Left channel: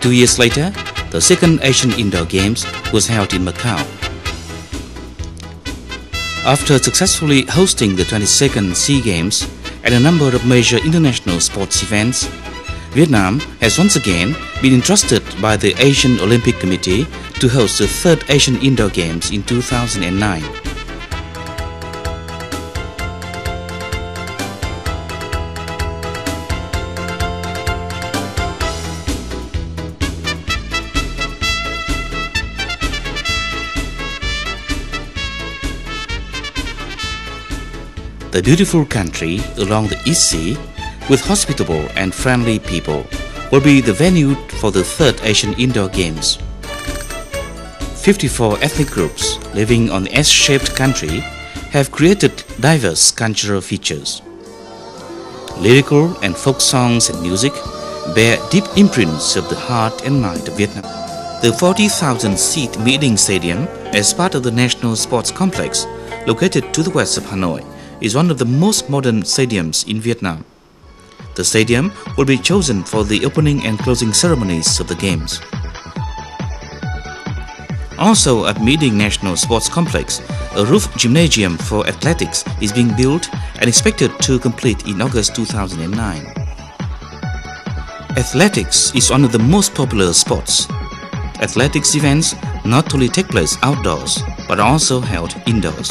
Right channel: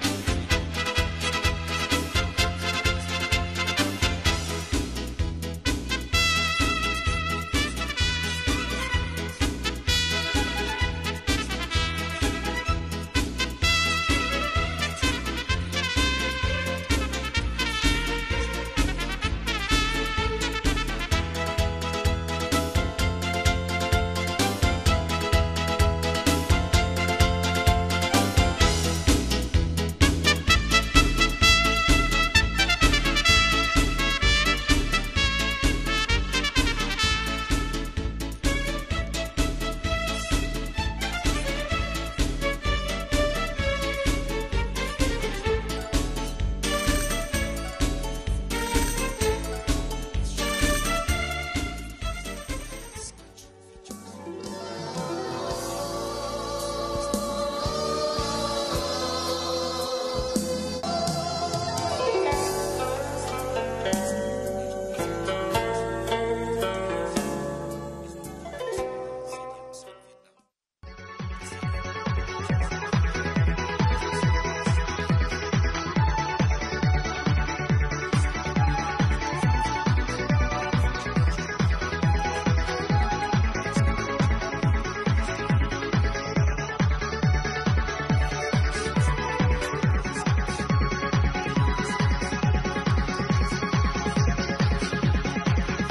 2 years later, the second Asian Indoor Games was held in Macau. After successfully hosting the 22nd SEA Games and a number of major international sports events, Vietnam has once again been entrusted by the Asian Olympic Committee to host the third Asian Indoor Games in 2009. The beautiful country along the East Sea, with hospitable and friendly people, will be the venue for the third Asian Indoor Games. 54 ethnic groups living on the S-shaped country have created diverse cultural features. Lyrical and folk songs and music bear deep imprints of the heart and mind of Vietnam. The 40,000-seat meeting stadium, as part of the National Sports Complex, located to the west of Hanoi, is one of the most modern stadiums in Vietnam. The stadium will be chosen for the opening and closing ceremonies of the Games. Also at Meeting National Sports Complex, a roof gymnasium for athletics is being built and expected to complete in August 2009. Athletics is one of the most popular sports. Athletics events not only take place outdoors, but are also held indoors.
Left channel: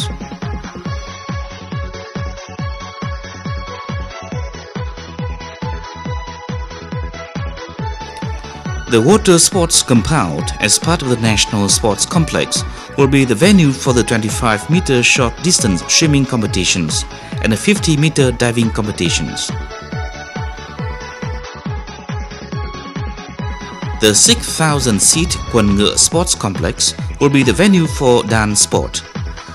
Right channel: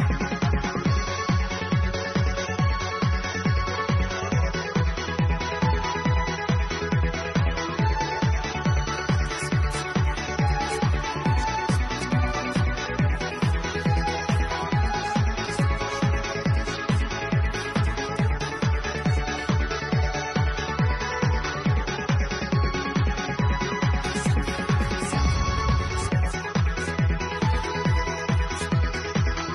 The water sports compound, as part of the National Sports Complex, will be the venue for the 25-meter short distance swimming competitions and the 50-meter diving competitions. The 6,000-seat Quần Ngựa Sports Complex will be the venue for dance sport.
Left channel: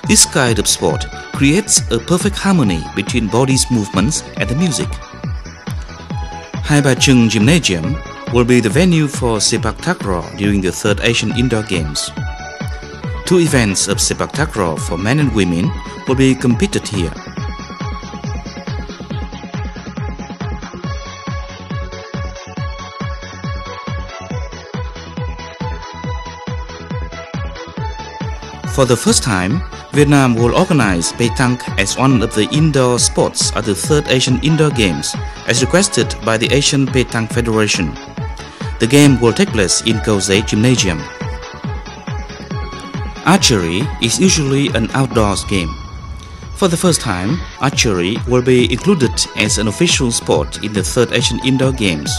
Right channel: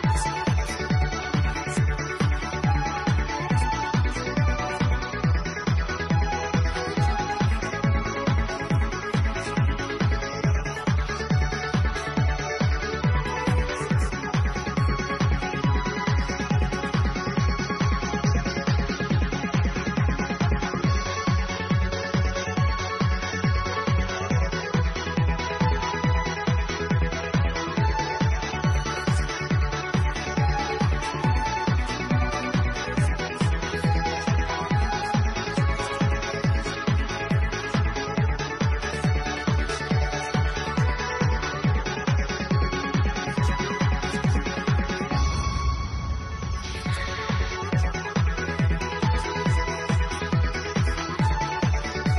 This kind of sport creates a perfect harmony between body's movements and the music. Hai Ba Trưng Gymnasium will be the venue for sepak takraw during the third Asian Indoor Games. 2 events of sepak takraw for men and women will be competed here. For the first time, Vietnam will organize petanque as one of the indoor sports at the third Asian Indoor Games, as requested by the Asian Petanque Federation. The game will take place in Kausei Gymnasium. Archery is usually an outdoors game. For the first time, archery will be included as an official sport in the third Asian Indoor Games.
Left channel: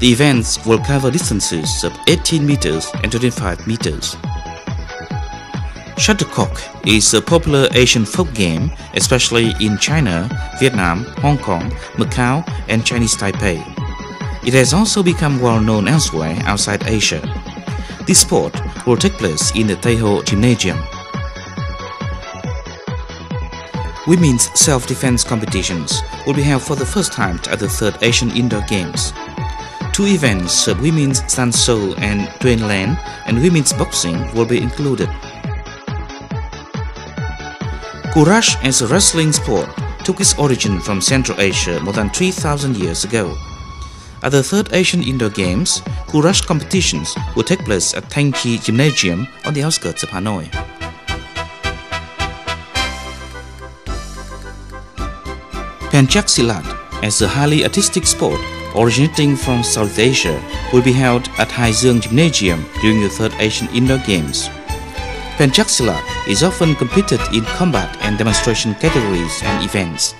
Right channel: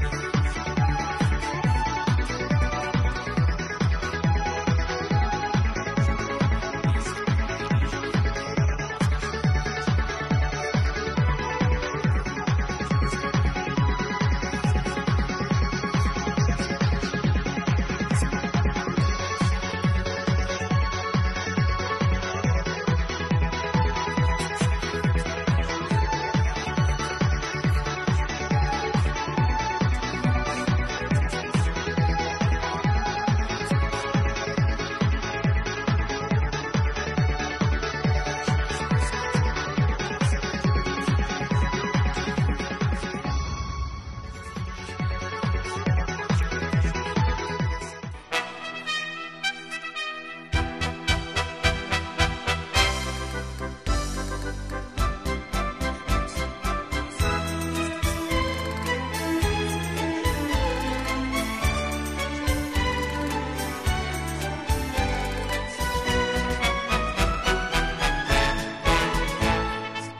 The events will cover distances of 18 meters and 25 meters. Shuttlecock is a popular Asian folk game, especially in China, Vietnam, Hong Kong, Macau, and Chinese Taipei. It has also become well known elsewhere outside Asia. This sport will take place in the Taiho Gymnasium. Women's self-defense competitions will be held for the first time at the third Asian Indoor Games. 2 events of women's sanso and Tuan Lan and women's boxing will be included. Courage as a wrestling sport took its origin from Central Asia more than 3,000 years ago. At the third Asian Indoor Games, Courage competitions will take place at Thanh Chi Gymnasium on the outskirts of Hanoi. Pencak Silat, as a highly artistic sport originating from South Asia, will be held at Hai Dương Gymnasium during the third Asian Indoor Games. Pencak Silat is often competed in combat and demonstration categories and events.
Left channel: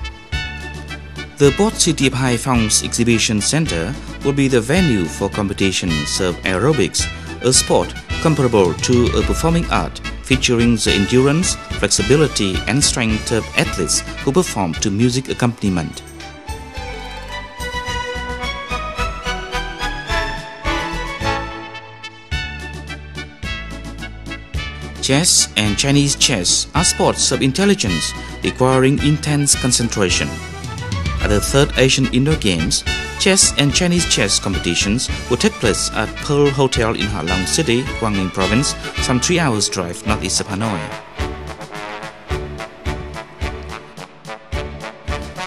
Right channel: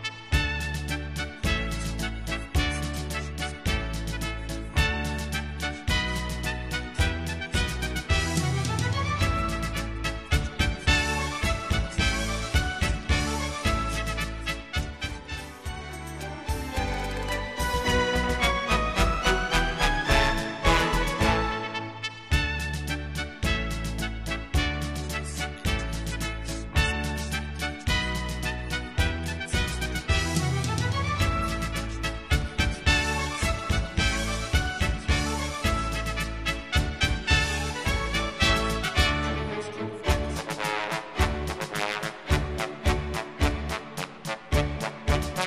The port city of Hai Phong's exhibition center will be the venue for competitions of aerobics, a sport comparable to a performing art featuring the endurance, flexibility, and strength of athletes who perform to music accompaniment. Chess and Chinese chess are sports of intelligence requiring intense concentration. At the third Asian Indoor Games, chess and Chinese chess competitions will take place at Pearl Hotel in Ha Long City, Quang Ninh Province, some 3 hours drive northeast of Hanoi.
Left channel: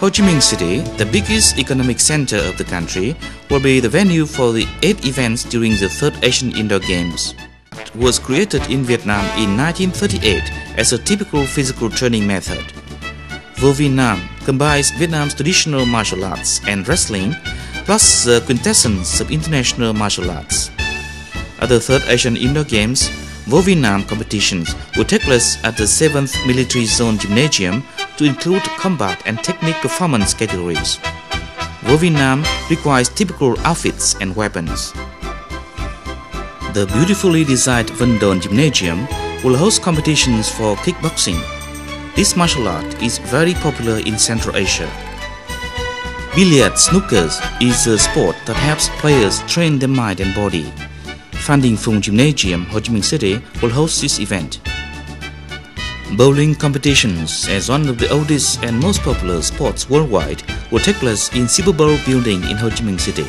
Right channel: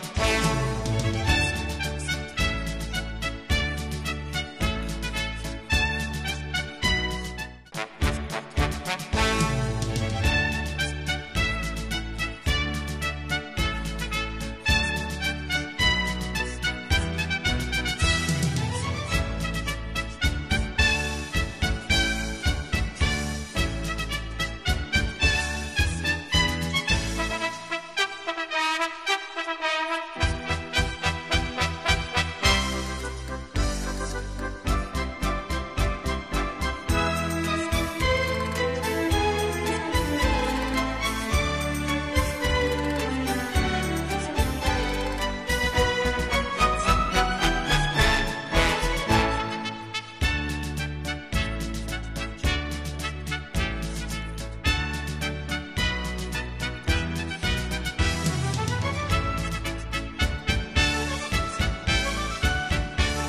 Ho Chi Minh City, the biggest economic center of the country, will be the venue for the 8 events during the 3rd Asian Indoor Games. It was created in Vietnam in 1938 as a typical physical training method. Vô Vi Nam combines Vietnam's traditional martial arts and wrestling, plus the quintessence of international martial arts. At the 3rd Asian Indoor Games, Vô Vi Nam competitions will take place at the 7th Military Zone Gymnasium to include combat and technique performance categories. Vô Vi Nam requires typical outfits and weapons. The beautifully designed Vân Đồn Gymnasium will host competitions for kickboxing. This martial art is very popular in Central Asia. Billiard snookers is a sport that helps players train their mind and body. Phan Đình Phùng Gymnasium, Ho Chi Minh City will host this event. Bowling competitions, as one of the oldest and most popular sports worldwide, will take place in Super Bowl building in Ho Chi Minh City.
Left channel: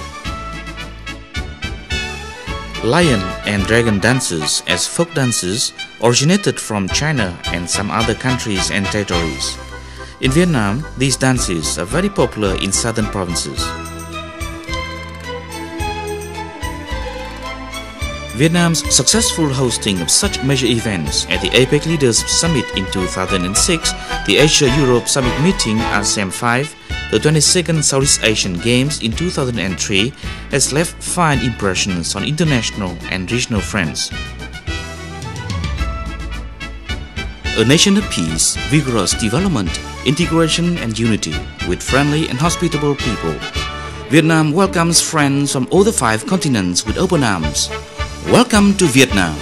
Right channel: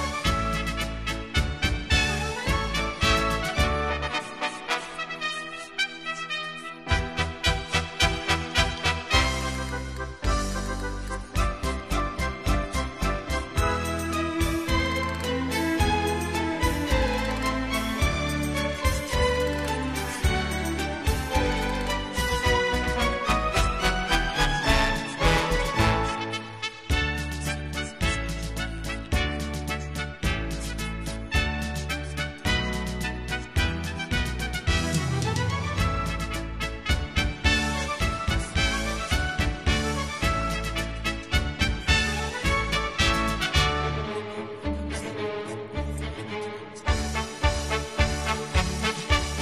Lion and dragon dances as folk dances originated from China and some other countries and territories. In Vietnam, these dances are very popular in southern provinces. Vietnam's successful hosting of such major events at the APEC Leaders Summit in 2006, the Asia-Europe Summit Meeting ASEM 5, the 22nd Southeast Asian Games in 2003 has left fine impressions on international and regional friends. A nation of peace, vigorous development, integration and unity with friendly and hospitable people. Vietnam welcomes friends from all the 5 continents with open arms. Welcome to Vietnam.